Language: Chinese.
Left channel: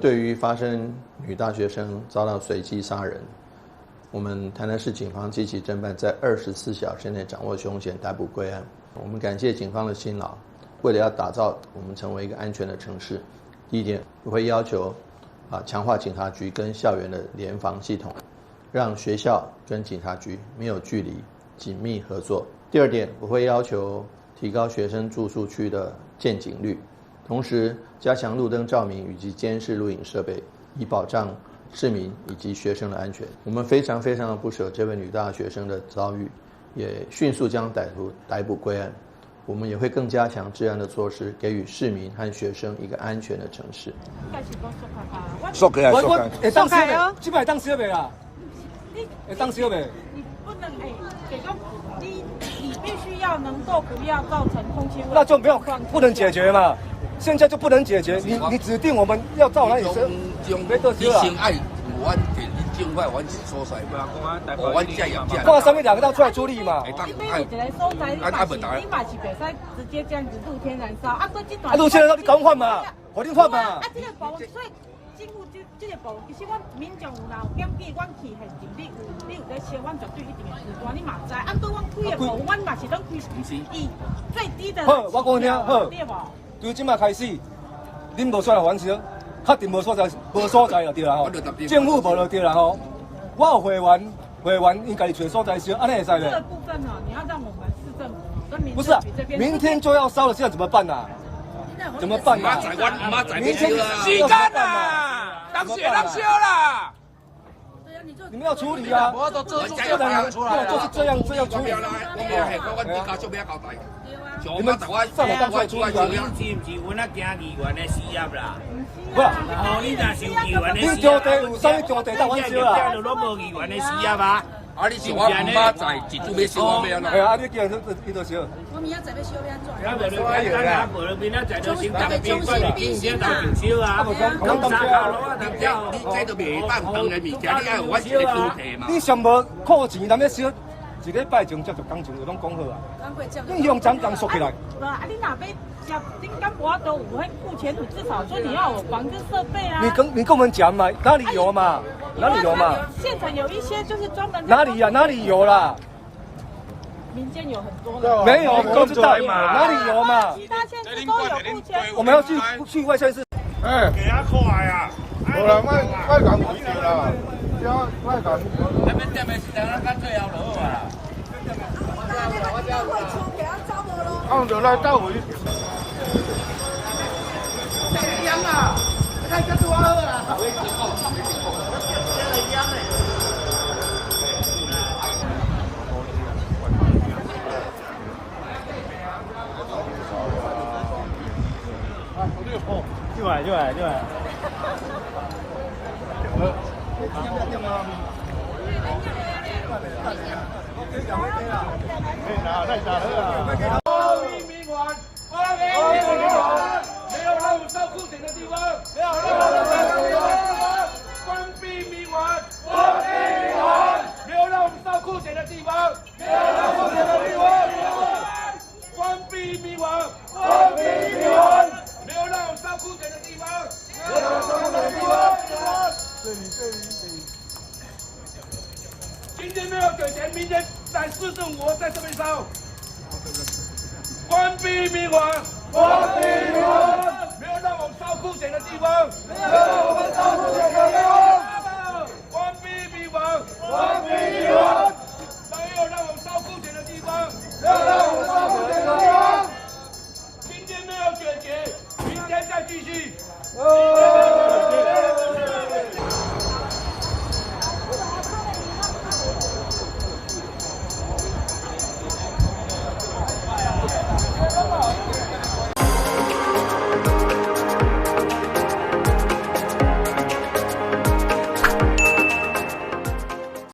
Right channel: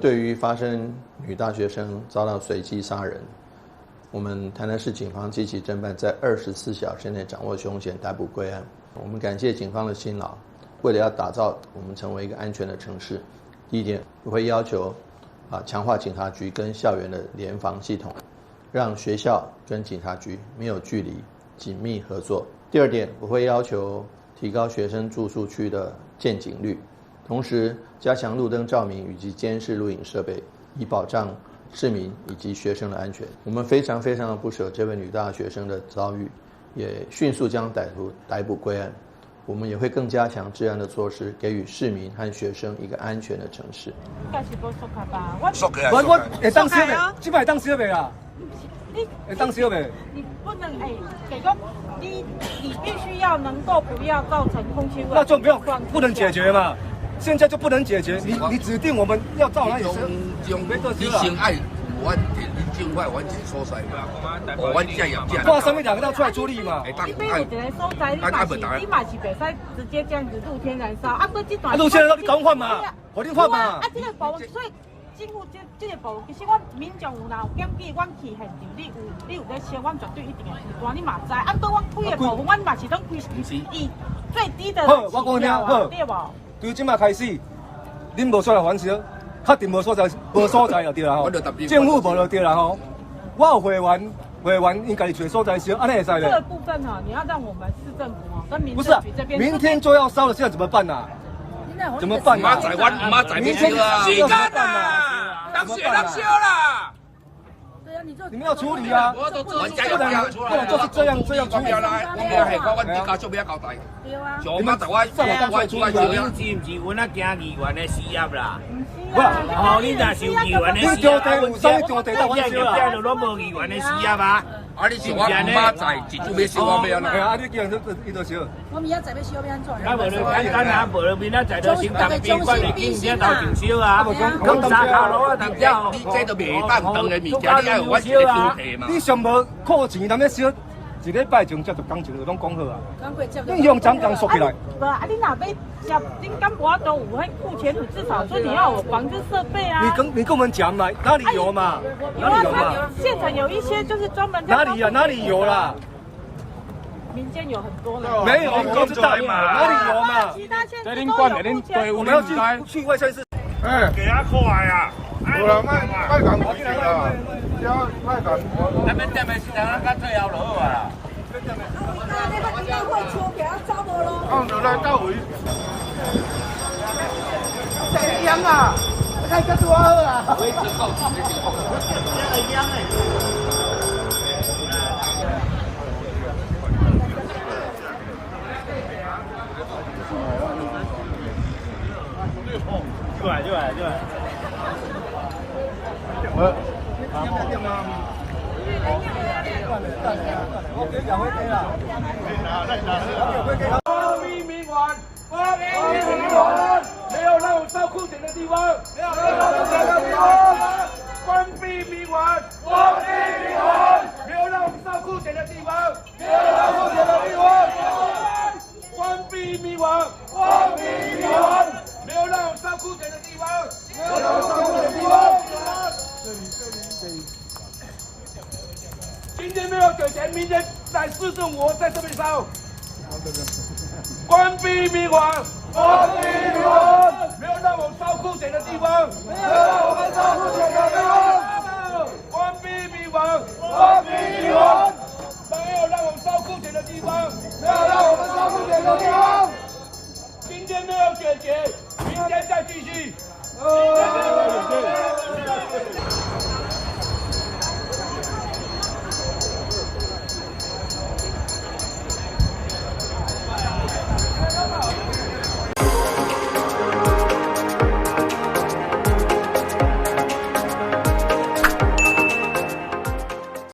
对于发生女大学生遭到随机杀人，我们台南市警方积极侦办，在24小时内掌握凶嫌，逮捕归案。我们感谢警方的辛劳，为了要打造我们成为一个安全的城市，第一点，我会要求强化警察局跟校园的联防系统，让学校跟警察局没有距离，紧密合作。第二点，我会要求提高学生住宿区的见警率，同时加强路灯照明以及监视录影设备，以保障市民以及学生的安全。我们非常的不舍这位女大学生的遭遇，也迅速将歹徒逮捕归案。我们也会更加强治安的措施，给予市民和学生一个安全的城市。应该是无缩开吧？我会当小袂？这摆当小袂啊？你会当小袂？你不能给个你必须要能够不要造成空气污染。那就不能解决嘛？现在就不能解决。你指定我们要造哪里车？你先爱我尽快完成所在，我这样这样。挂上面2个到出来处理嘛。你没有一个所在，你嘛是袂使直接这样子露天燃烧。对这段。露天燃烧你赶快换嘛，我你换嘛。这个部分，所以政府这个部分，其实我民众有啦，有检举，阮去现场，你有在烧，阮绝对一定会时段，你嘛知。对阮开的部分，阮嘛是当开以最低的。好，我讲听好。对无？从今嘛开始，恁无出来还烧，确定无所在就对啦吼。政府无就对啦吼。我有会员应该找所在烧，安尼会使这个部分哈，你要让我们市政府跟民不是这边。明天就要烧了，现在怎么办呐？怎么办呐？明天要怎么办呐？怎么办呐？你们要处理啊！不然就是这样处理。我们系我哋家属要交代。对啊。你们上来当出来处理啊！是唔是阮啊惊议员的事业啦？不是然后你若是有议员的事业，你丢地有啥丢地到我烧啊？都无议员的事业啊！啊，你是我妈在，一就要烧我要啦。系啊，你叫人伊就烧。我明仔载要烧要安怎？啊，无就简单啊，无就明仔载就先当宾馆的警车头前烧啊，讲三下路啊，当掉。你这都袂当当的物件，你爱有我一个标题嘛。你上无扣钱，咱咧烧一礼拜前才就工程就拢讲好啊。你用怎讲说起来？不啊，你哪边要丁干博都有会付钱，至少说你要有防治设备啊。你跟我们讲嘛，哪里有嘛？哪里有嘛？现场有一些就是专门哪里呀？哪里有啦？民间有很多了。没有，我知道哪里有嘛？其他县市都有付钱。我们要去外县市。给他快啊！好了，卖港不去了，要卖港。那边店的是咱干最后就好啊。按着那到位。这样啊，看这多好啊！要不要点吗？光明明晚，光明明晚，没有让我烧裤茧的地方，没有让我烧地方。关闭明晚，关闭明晚，没有让我们烧裤茧的地方，没有烧裤茧的地方。关闭明晚，关闭明晚，没有让我烧裤茧的地方，没有让我烧裤茧的地方。这里。今天没有给钱，明天来市政府在这边烧。关闭明晚，关闭明晚，没有让我们烧裤茧的地方，没有让我们烧裤茧的地方。关闭明晚，关闭明晚，没有让我们烧裤茧的地方，没有让我们烧裤茧的地方。今天没有解决，明天再继续。今天没有解决。